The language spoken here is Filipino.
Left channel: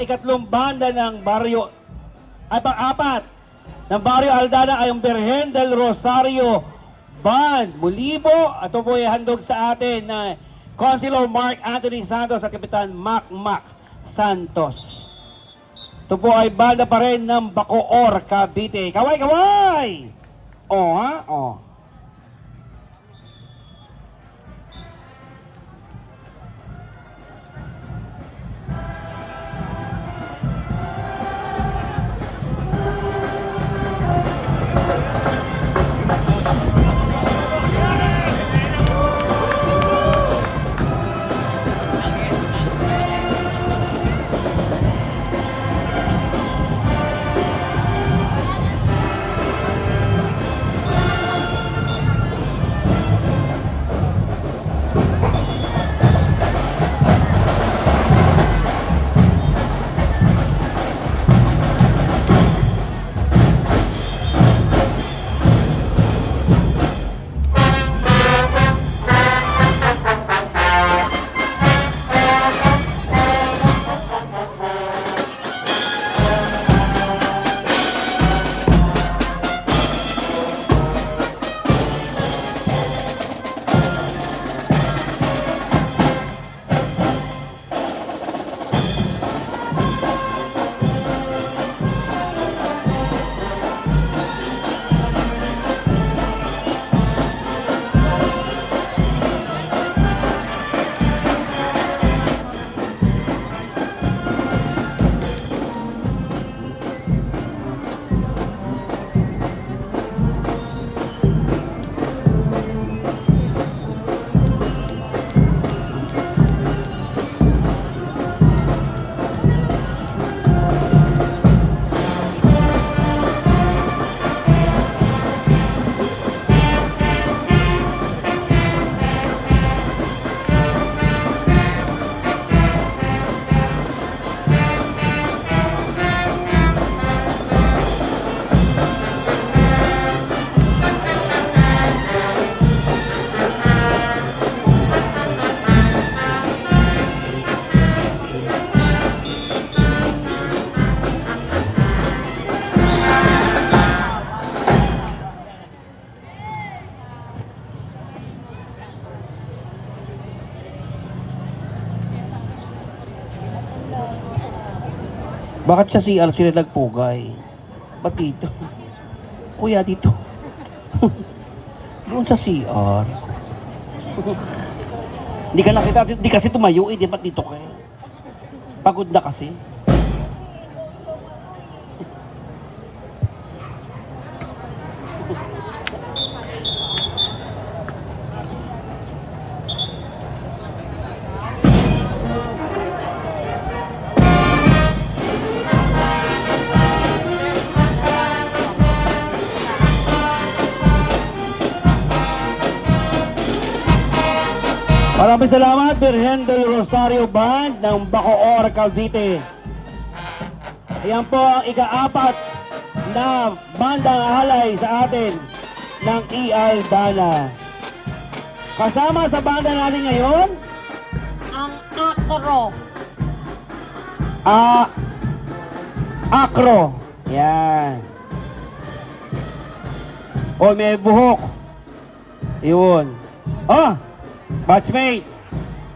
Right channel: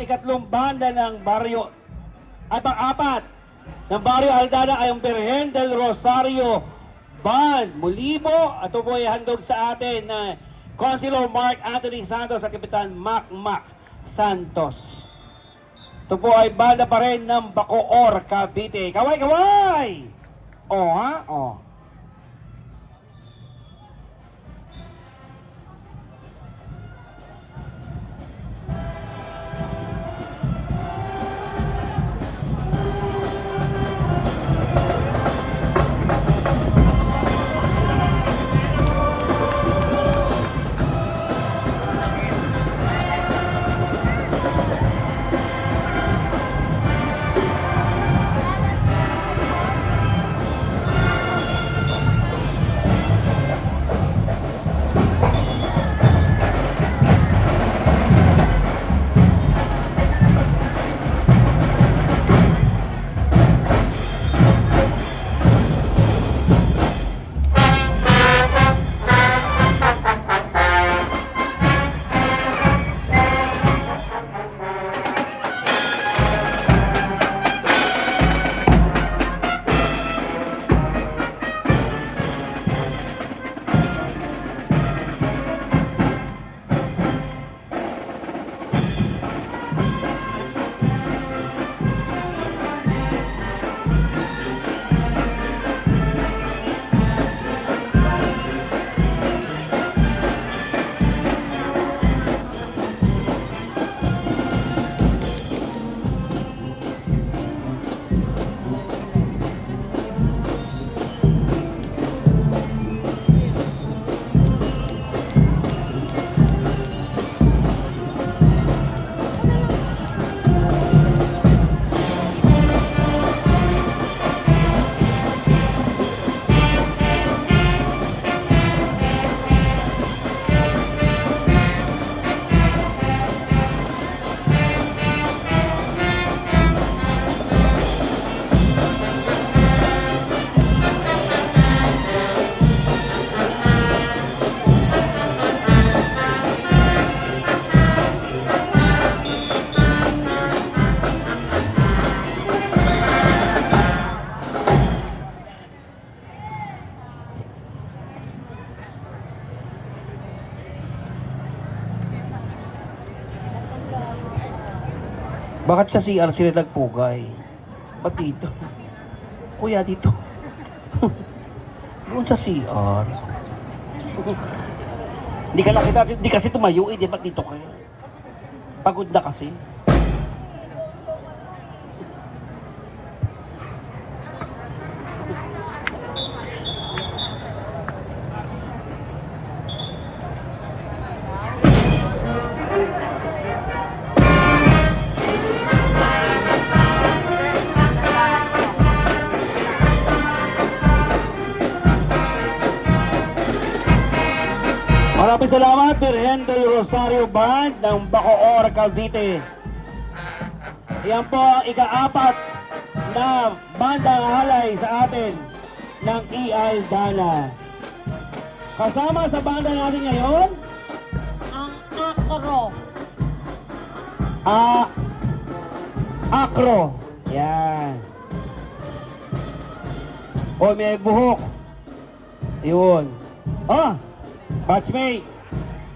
ikatlong banda ng Barrio at apat ng Barrio Aldana ay ang Virgen del Rosario Band. Muli po, ito po ay handog sa atin na Councilor Mark Anthony Santos at Kapitan Mac Santos. Ito po ay banda pa rin ng Bacoor, Cavite. Kaway, kaway! Oh, ha? Oh. Bakit sa CR sila nagpugay? Ba't dito? Kuya, dito. Doon sa CR. Hindi kasi tumayo eh. Di ba't dito kayo? Pagod na kasi. Salamat, Virgen del Rosario Band ng Bacoor, Cavite. Ayan po ang ika-apat na bandang alay sa atin ng EI Dana. Kasama sa banda natin ngayon, ang Acro. Acro. Yan. O, may buhok. Yun. Batchmate.